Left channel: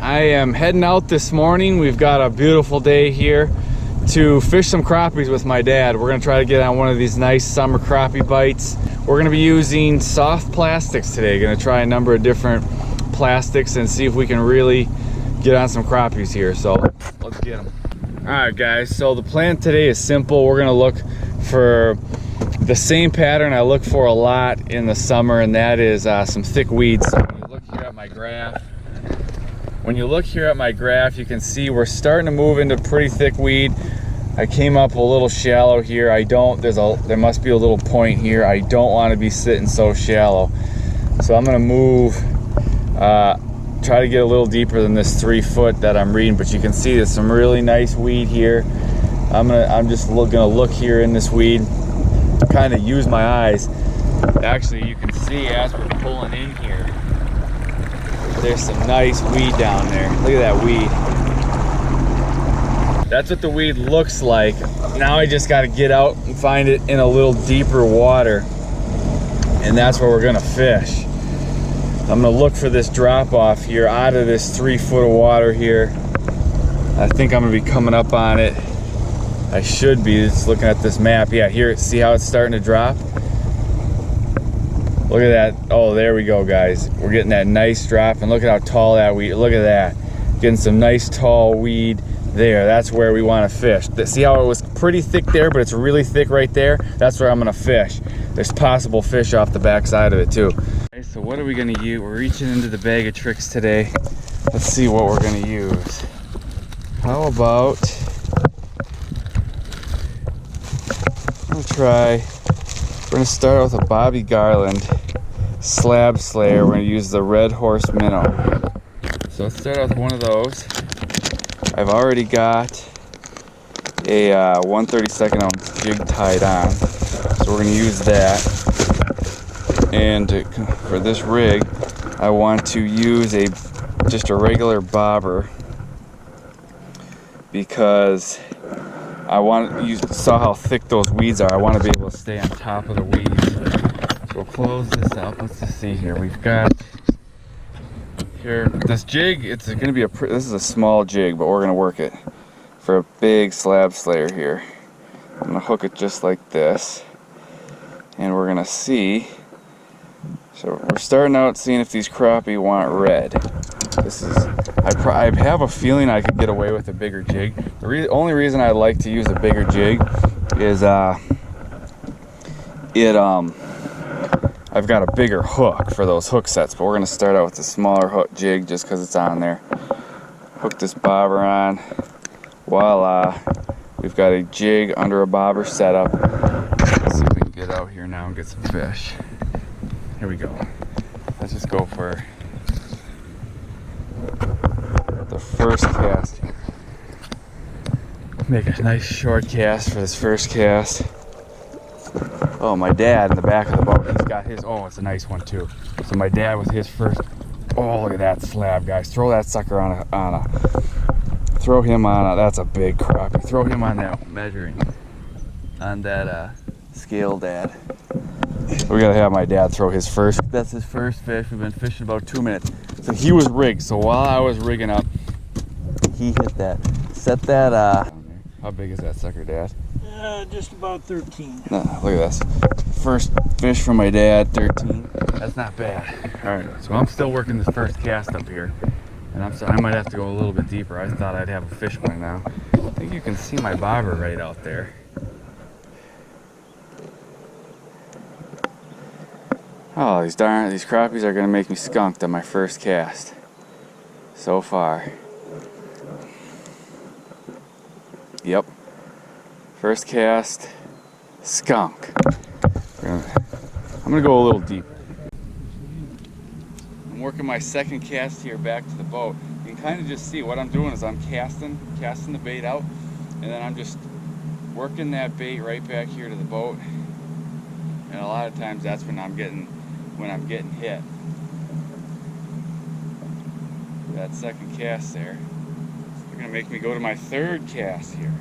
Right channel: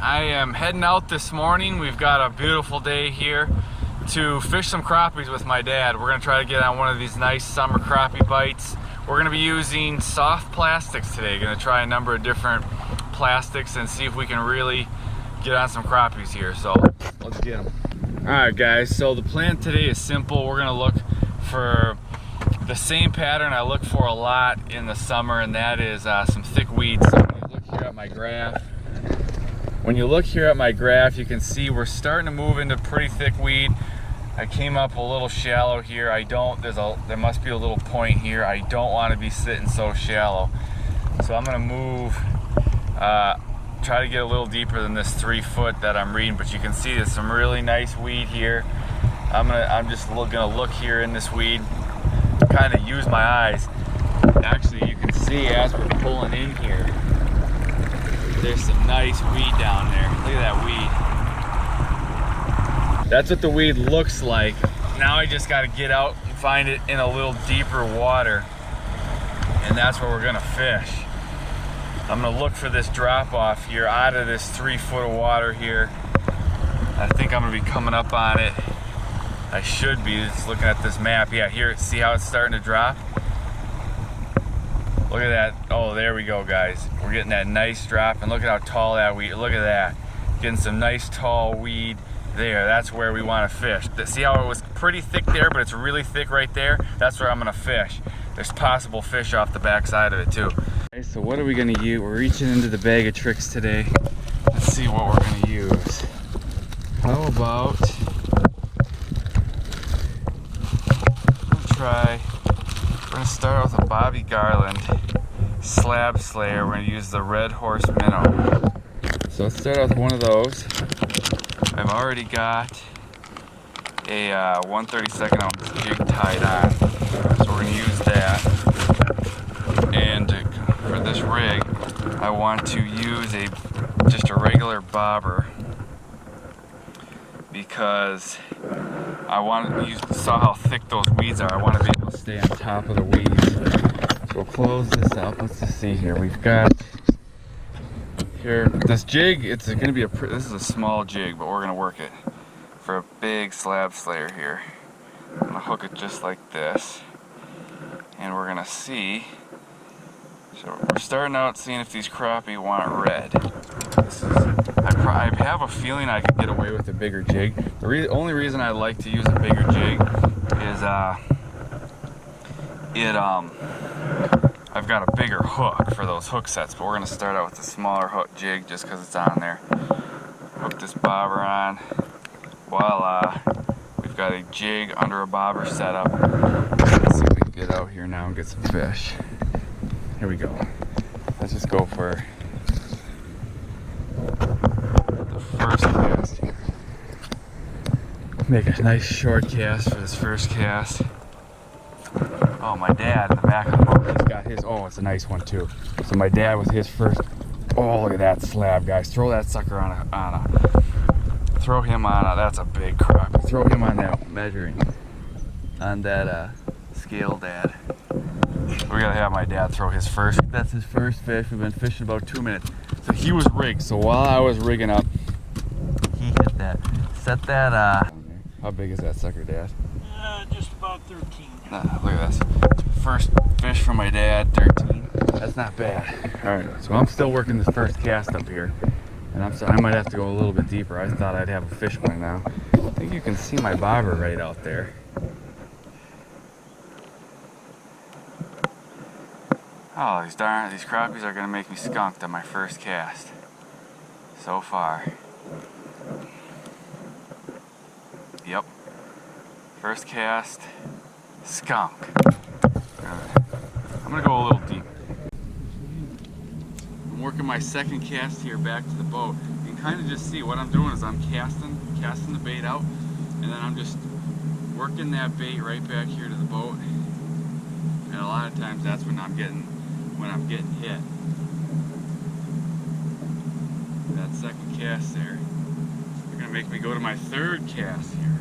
I am heading out this morning. We've got a beautiful day here to fish some crappies with my dad. We're gonna try to get on one of these nice summer crappie bites. We're gonna be using soft plastics today. Gonna try a number of different plastics and see if we can really get on some crappies here. So let's get them. All right, guys, so the plan today is simple. We're gonna look for the same pattern I look for a lot in the summer, and that is some thick weeds. So when you look here at my graph, you can see we're starting to move into pretty thick weed. I came up a little shallow here. There must be a little point here. I don't want to be sitting so shallow. So I'm gonna move, try to get a little deeper than this 3 foot that I'm reading, but you can see there's some really nice weed here. I'm just gonna look here in this weed, kind of use my eyes. Actually, you can see as we're pulling in here, there's some nice weed down there. Look at that weed. That's what the weed looks like. Now I just got to get out and find it in a little deeper water, and that's where we're gonna fish. I'm gonna look for this drop off here out of this 3 foot of water here. I think I'm gonna be coming up on it. I should be, just looking at this map. Yeah, here, see how it's starting to drop? Look at that. Oh, there we go, guys. We're getting that nice drop, and look at how tall that weed, look at that. Getting some nice tall weed there. That's where we want to fish. See how it was pretty thick there, but it's really thick right there? That's where I'm gonna fish. There's possible fish off the back side of it too. Okay, so what are we gonna use? We're reaching into the bag of tricks today. Let's see what we're gonna use. How about, we're gonna start out with a Bobby Garland slab slayer. We're gonna use the Red Horse minnow. So let's start out with one of those. I've already got a 1/32 ounce jig tied on, so we're gonna use that. And for this rig, I want to use just a regular bobber, because you saw how thick those weeds are. I want to be able to stay on top of the weeds. So we'll close this up. Let's just see here. We've got here this jig. It's going to be this is a small jig, but we're going to work it for a big slab slayer here. I'm going to hook it just like this, and we're going to see. So we're starting out seeing if these crappie want red. I have a feeling I could get away with a bigger jig. The only reason I like to use a bigger jig is I've got a bigger hook for those hook sets, but we're gonna start out with a smaller hook jig just because it's on there. Hook this bobber on. Voila, we've got a jig under a bobber setup. Let's see if we can get out here now and get some fish. Here we go. Let's just go for the first cast here. Make a nice short cast for this first cast. Oh, my dad in the back of the boat, he's got his, oh, it's a nice one too. So my dad with his first, oh, look at that slab, guys. Throw that sucker throw him on that's a big crappie. Throw him on that on that scale, Dad. We gotta have my dad throw his first. That's his first fish. We've been fishing about 2 minutes. So he was rigged. So while I was rigging up, he hit that. Set that. How big is that sucker, Dad? Just about 13. Look at this. First fish from my dad, 13. That's not bad. All right. So I'm still working this first cast up here, and I might have to go a little bit deeper. I thought I'd have a fish by now. I think you can see my bobber right out there. Oh, these crappies are gonna make me skunked on my first cast so far. Yep, first cast, skunk. I'm gonna go a little deeper. I'm working my second cast here back to the boat. You can kind of just see what I'm doing is I'm casting the bait out, and then I'm just working that bait right back here to the boat. And a lot of times that's when I'm getting hit. That second cast there. They're gonna make me go to my third cast here.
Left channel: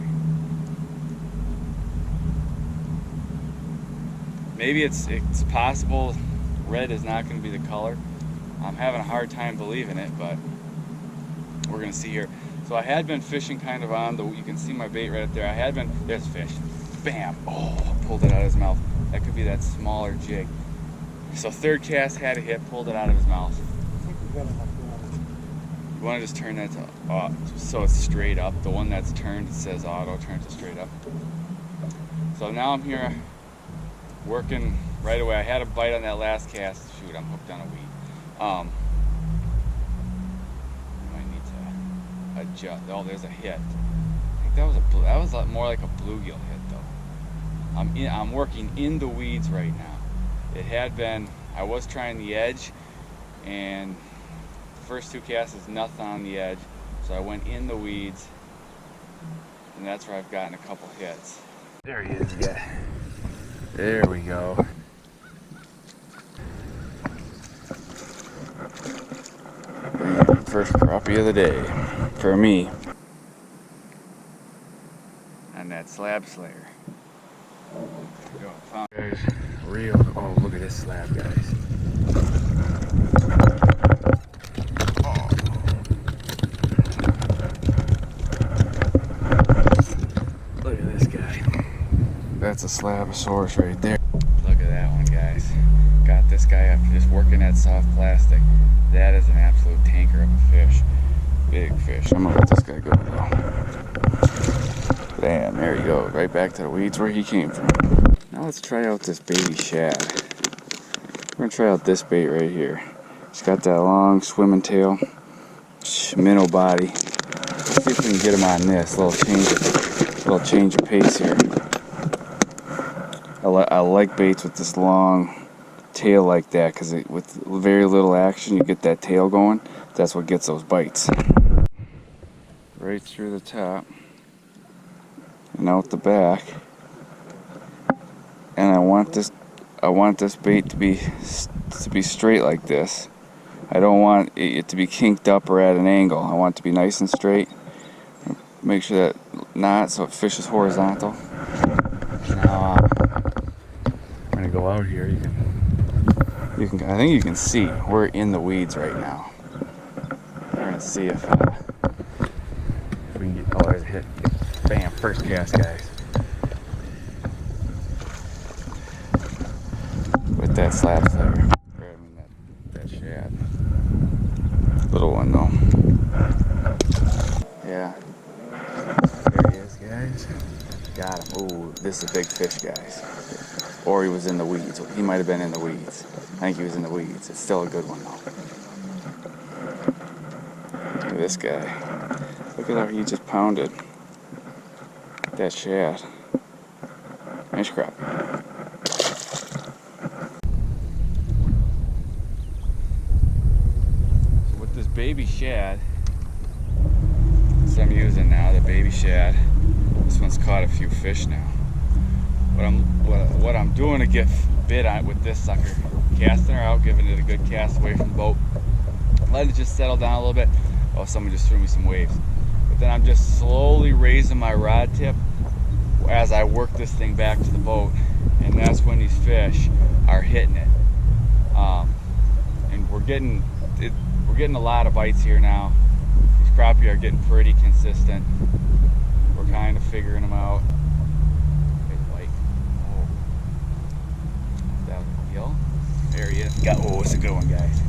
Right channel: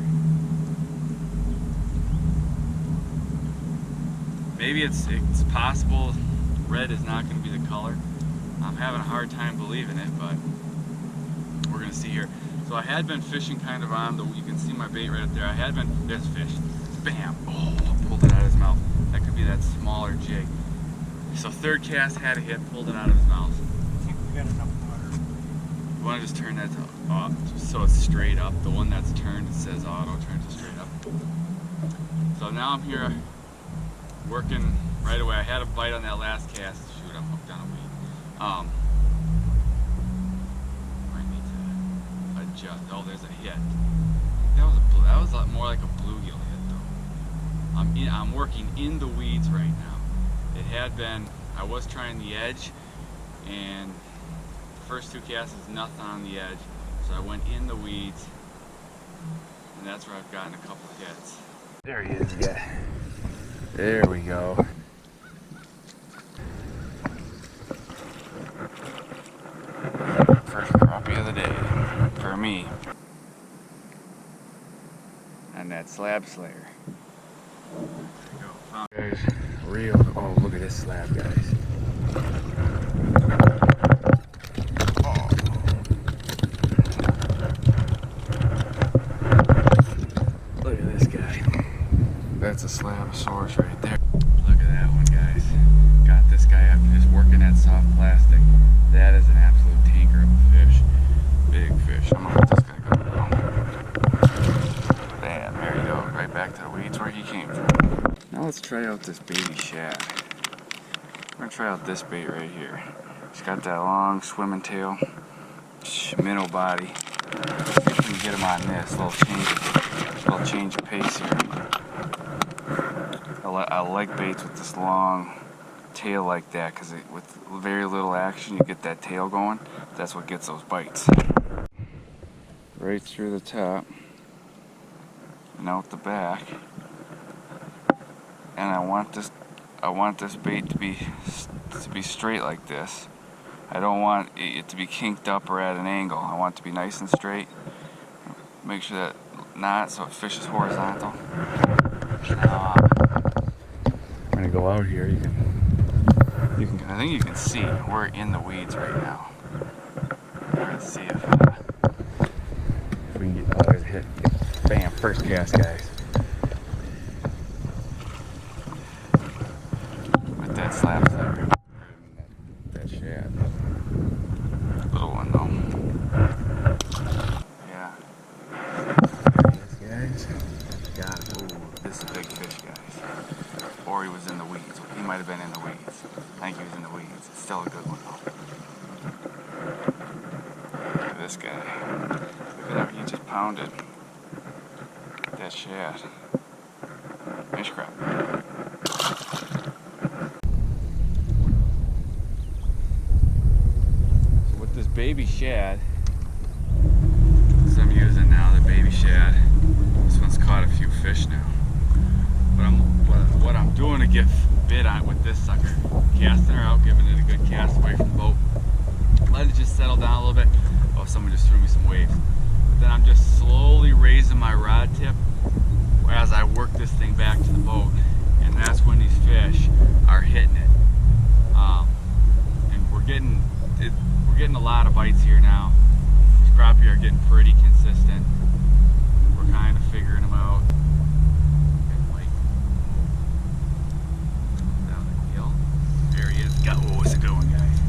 Maybe it's possible red is not gonna be the color. I'm having a hard time believing it, but we're gonna see here. So I had been fishing kind of on the, you can see my bait right up there. I had been, there's a fish. Bam, oh, pulled it out of his mouth. That could be that smaller jig. So third cast, had a hit, pulled it out of his mouth. I think we got enough water. You wanna just turn that to, so it's straight up. The one that's turned, it says auto, turns it straight up. So now I'm here working right away. I had a bite on that last cast. Shoot, I'm hooked on a weed. I might need to adjust. Oh, there's a hit. I think that was more like a bluegill hit though. I'm working in the weeds right now. It had been, I was trying the edge, and the first two casts is nothing on the edge, so I went in the weeds, and that's where I've gotten a couple hits. There he is, yeah. There we go. Bam, first crappie of the day for me. And that slab slayer. There we go. Found guys, real. Oh, look at this slab, guys. Oh. Look at this guy. That's a slabosaurus right there. Look at that one, guys. Got this guy up just working that soft plastic. That is an absolute tanker of a fish. Big fish. I'm gonna let this guy go though. Bam, there he goes. Right back to the weeds where he came from. Now let's try out this baby shad. We're gonna try out this bait right here. It's got that long swimming tail, minnow body. Let's see if we can get him on this. Little change of pace here. I like baits with this long tail like that, because with very little action you get that tail going. That's what gets those bites. Right through the top and out the back. And I want this bait to be straight like this. I don't want it to be kinked up or at an angle. I want it to be nice and straight. Make sure that not so it fishes horizontal. Now I'm gonna go out here. You can. I think you can see we're in the weeds right now. We're gonna see if we can get. Oh, there's a hit. Bam! First cast, guys. With that slab slayer. I mean that shad. Little one though. Yeah. There he is, guys. Got him. Ooh, this is a big fish, guys. Or he was in the weeds. He might have been in the weeds. I think he was in the weeds. It's still a good one though. Look at this guy. Look at how he just pounded that shad. Nice crappie. So with this baby shad, this I'm using now, the baby shad. This one's caught a few fish now. What I'm doing to get bit on it with this sucker, casting her out, giving it a good cast away from the boat, let it just settle down a little bit. Oh, someone just threw me some waves. But then I'm just slowly raising my rod tip as I work this thing back to the boat, and that's when these fish are hitting it. And we're getting a lot of bites here now. These crappie are getting pretty consistent. We're kind of figuring them out. There he is. Oh, it's a good one, guys.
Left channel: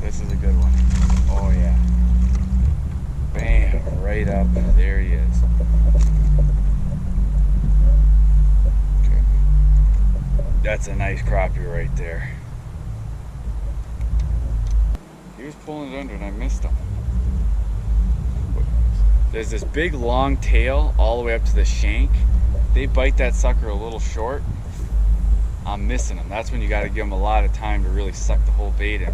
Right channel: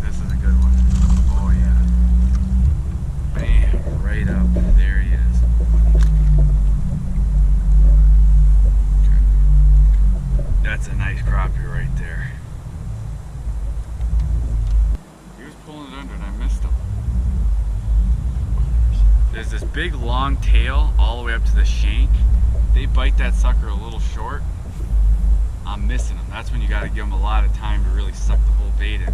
This is a good one. Oh yeah. Bam, right up. There he is. Okay. That's a nice crappie right there. He was pulling it under and I missed him. There's this big long tail all the way up to the shank. They bite that sucker a little short. I'm missing them. That's when you got to give them a lot of time to really suck the whole bait in.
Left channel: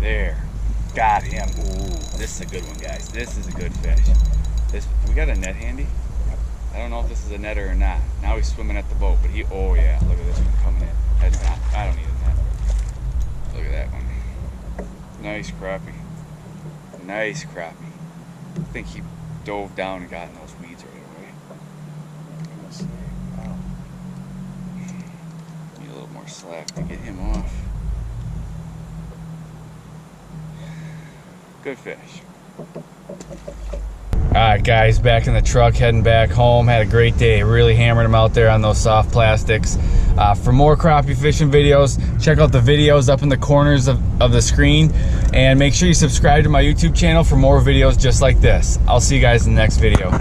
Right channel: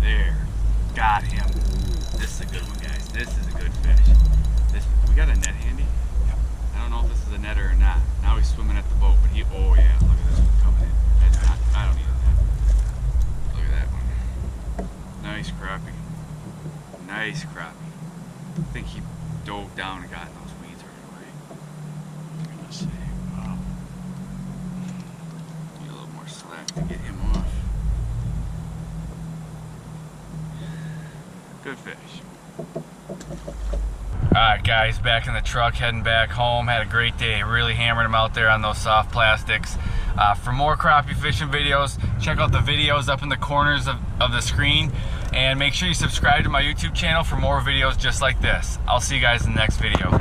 There. Got him. Ooh, this is a good one, guys. This is a good fish. We got a net handy? Yep. I don't know if this is a netter or not. Now he's swimming at the boat, but oh yeah, look at this one coming in. That's not, I don't need a net. Look at that one. Nice crappie. Nice crappie. I think he dove down and got in those weeds right away. Goodness sake. Wow. Need a little more slack to get him off. Good fish. Alright guys, back in the truck, heading back home. Had a great day, really hammered them out there on those soft plastics. For more crappie fishing videos, check out the videos up in the corners of the screen, and make sure you subscribe to my YouTube channel for more videos just like this. I'll see you guys in the next video.